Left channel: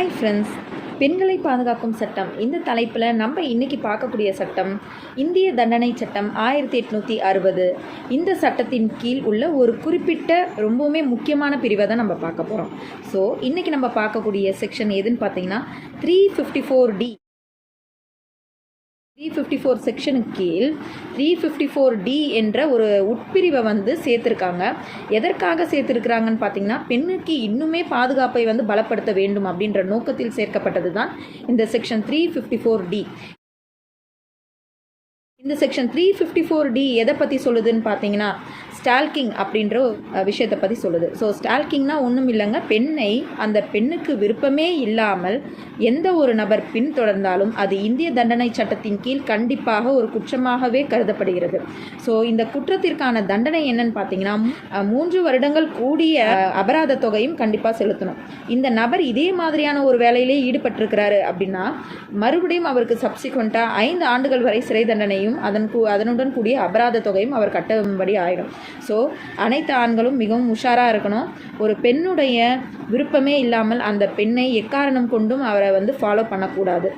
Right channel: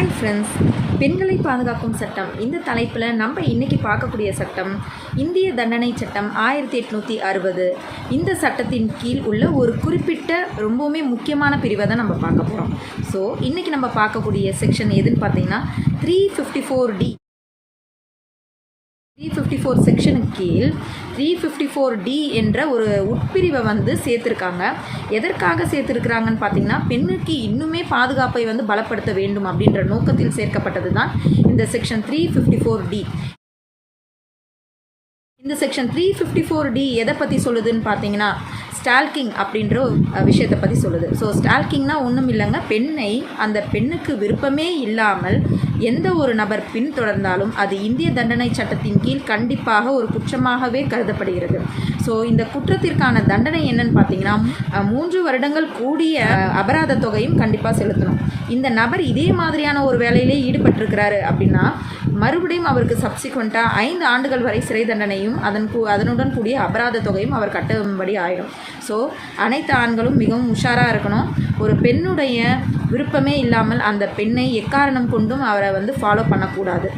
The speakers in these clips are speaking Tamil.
ஹாய் ஃப்ரெண்ட்ஸ் பெண்களை பாதுகாக்கும் சட்டம். இந்த தலைப்பில் நம்ம இன்றைக்கி பார்க்கக்கூடிய சட்டம் இந்திய தண்டனை சட்டம் ஆயிரத்தி எட்நூற்றி அறுபது. இந்த சட்டத்தின் கீழ் உள்ள ஒரு குறிப்பிட்ட ரொம்பவுமே முக்கியமான பிரிவை தான் நம்ம பார்க்க போகிறோம் ஸோ இன்றைக்கி நம்ம பார்க்கக்கூடிய செக்ஷன் எதுன்னு பார்த்தீங்கன்னா three fifty four D three fifty four செக்ஷனுக்கு கீழ் த்ரீ ஃபிஃப்டி ஃபோர் டி என்ற ஒரு உட்பிரிவை வந்து சேர்த்துருக்காங்க. எதற்காக சேர்த்துருக்குறாங்கன்னு பார்த்தீங்கன்னா பெண்ணுக்கு இன்னுமே பாதுகாப்பை வந்து பலப்படுத்த வேண்டும் அப்படின்ற நோக்கத்தில் சேர்க்கப்பட்டது தான் இந்த section three fifty four D இந்த section three fifty four D எதை பற்றி சொல்லுதுன்னு பார்த்தீங்கன்னா ஸ்டால்கிங் அப்படின்ற ஒரு, விஷயத்தை பற்றி சொல்லுது. ஸோ ஸ்டால்கிங்னால் ஒன்றும் இல்லைங்க. பெண்ணை அந்த பெண்ணுக்கு விருப்பமே இல்லாமல் எந்த ஒரு நபர் பின்தொடர்ந்தாலும் அது இந்திய தண்டனை சட்டத்தின் கீழ் கண்டிப்பாக ஒரு குற்றமாகவே கருதப்படுகிறது. ஸோ இந்த குற்றத்திற்கான தண்டனை என்னன்னு பார்த்தீங்கன்னா மூன்று வருடங்கள் கூடிய அபராத தொகையும் கண்டிப்பாக செலுத்தணும். இந்த நபர் இதே மாதிரியான ஒரு வேலையிலே ஈடுபட்டிருக்கிறாரு அப்படின்னா மறுபடியும் அவருக்கு சப்சிக்வெண்ட்டாக ஐந்து ஆண்டுகள் வரை சிறை தண்டனையும் அதன் கூ அதனுடன் கூடிய அபராத தொகையும் அவர் கட்டும்படி ஆயிடும். ஸோ அனைத்து ஆண்களும் மிகவும் உஷாராக இருக்கணும். ஒரு பெண்ணுடைய விருப்பமே இல்லாமல் அந்த பெண்ணை எக்காரணம் கொண்டும் அவரை வந்து ஃபாலோ பண்ணக்கூடாது.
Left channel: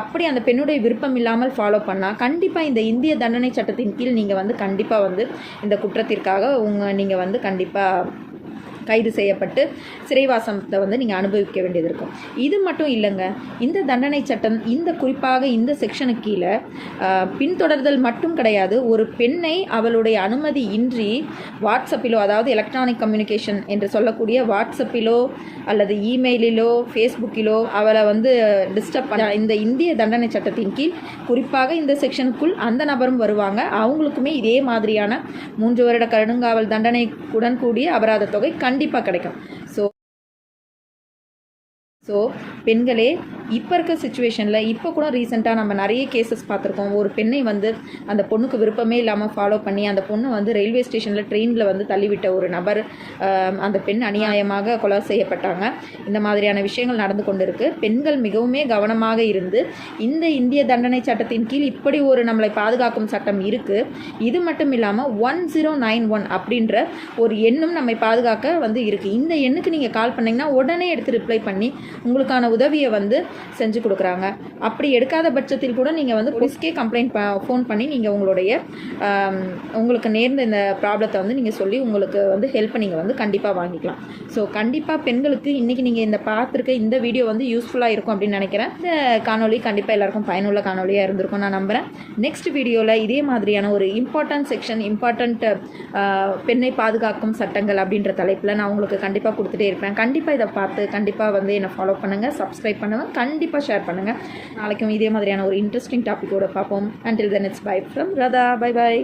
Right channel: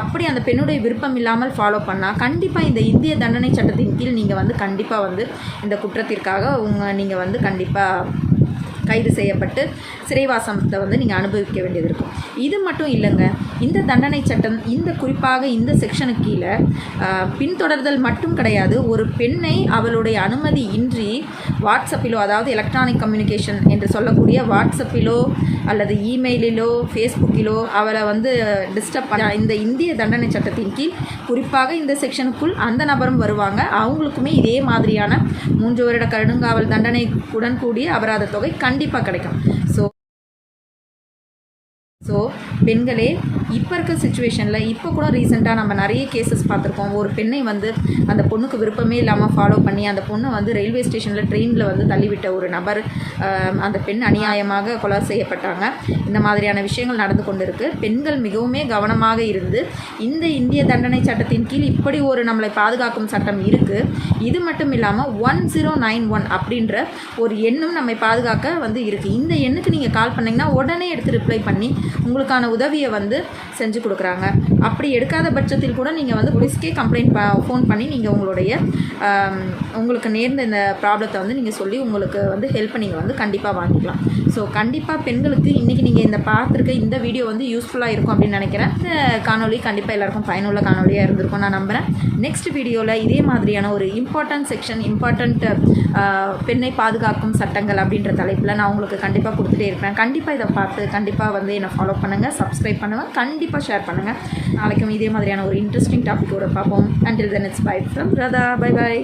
அப்படி அந்த பெண்ணுடைய விருப்பம் இல்லாமல் ஃபாலோ பண்ணால் கண்டிப்பாக இந்த இந்திய தண்டனை சட்டத்தின் கீழ் நீங்கள் வந்து கண்டிப்பாக வந்து இந்த குற்றத்திற்காக உங்கள் நீங்கள் வந்து கண்டிப்பாக கைது செய்யப்பட்டு சிறைவாசத்தை வந்து நீங்கள் அனுபவிக்க வேண்டியது இருக்கும். இது மட்டும் இல்லைங்க. இந்த தண்டனை சட்டம் இந்த குறிப்பாக இந்த செக்ஷனுக்கு கீழே பின்தொடர்தல் மட்டும் கிடையாது. ஒரு பெண்ணை அவளுடைய அனுமதி இன்றி வாட்ஸ்அப்பிலோ அதாவது எலக்ட்ரானிக் கம்யூனிகேஷன் என்று சொல்லக்கூடிய வாட்ஸ்அப்பிலோ அல்லது இமெயிலிலோ ஃபேஸ்புக்கிலோ அவளை வந்து டிஸ்டர்ப் பண்ண இந்த இந்திய தண்டனை சட்டத்தின் கீழ் குறிப்பாக இந்த செக்ஷனுக்குள் அந்த நபரும் வருவாங்க. அவங்களுக்குமே இதே மாதிரியான மூன்று வருட கருடுங்காவல் தண்டனைக்குடன் கூடிய அபராத தொகை கண் கண்டிப்பாக கிடைக்கும். ஸோ ஸோ பெண்களே இப்போ இருக்க சுச்சுவேஷனில் இப்போ கூட ரீசெண்டாக நம்ம நிறைய கேசஸ் பார்த்துருக்கோம். ஒரு பெண்ணை வந்து அந்த பொண்ணுக்கு விருப்பமே இல்லாமல் ஃபாலோ பண்ணி அந்த பொண்ணை வந்து ரயில்வே ஸ்டேஷனில் ட்ரெயினில் வந்து தள்ளிவிட்ட ஒரு நபர் அந்த பெண் அநியாயமாக கொலை செய்யப்பட்டாங்க. இந்த மாதிரியான விஷயங்கள் நடந்து கொண்டு இருக்குது பெண்கள் மிகவுமே கவனமாக இருந்து இந்த இந்திய தண்டனை சட்டத்தின் கீழ் இப்படி ஒரு நம்மளை பாதுகாக்கும் சட்டம் இருக்குது இது மட்டும் இல்லாமல் ஒன் ஜீரோ நைன் ஒன் அப்படின்ற ஒரு எண்ணும் நம்மை பாதுகாக்க வந்து இருக்குது இந்த எண்ணுக்கு நீங்கள் கால் பண்ணிங்கன்னா உடனே எடுத்து ரிப்ளை பண்ணி உங்களுக்கான உதவியை வந்து செஞ்சு கொடுக்குறாங்க. அப்படி எடுக்காத பட்சத்தில் கூட நீங்கள் வந்து போலீஸ்க்கே கம்ப்ளைண்ட் ப ஃபோன் பண்ணி நீங்கள் உங்களுடைய உங்களுக்கு நேர்ந்த இந்த ப்ராப்ளத்தை வந்து நீங்கள் சொல்லி உங்களுக்கு வந்து ஹெல்ப் நீங்கள் வந்து கண்டிப்பாக வாங்கிக்கலாம். ஸோ கண்டிப்பாக பெண்களுக்கு இன்றைக்கி நீங்கள் இந்த பார்த்துருக்க இந்த வீடியோ வந்து யூஸ்ஃபுல்லாக இருக்கும் அப்படின்னு நினைக்கிறேன். இந்த காணொலி கண்டிப்பாக எல்லாருக்கும் பயனுள்ள காணொலியாக இருந்திருக்கும் நான் நம்புகிறேன் நெக்ஸ்ட் வீடியோவில் இதே மாதிரியான ஒரு இம்பார்ட்டன்ட் செக்ஷன் இம்பார்ட்டண்ட் பெண்ணை பாதுகாக்கும் சட்டங்கள் அப்படின்ற தலைப்பில் நான் உங்களுக்கு கண்டிப்பாக கொடுத்துட்டே இருப்பேன். கண்டிப்பாக இதை பார்த்து கண்டிப்பாக வந்து என்னை ஃபாலோ பண்ணுங்கள் சப்ஸ்கிரைப் பண்ணுங்கள் கண்டிப்பாக ஷேர் பண்ணுங்கள் நாளைக்கும் இதே மாதிரியான ஒரு இன்ட்ரெஸ்டிங் டாப்பிக்கோட பார்ப்போம். Until then it's bye from Radha bye bye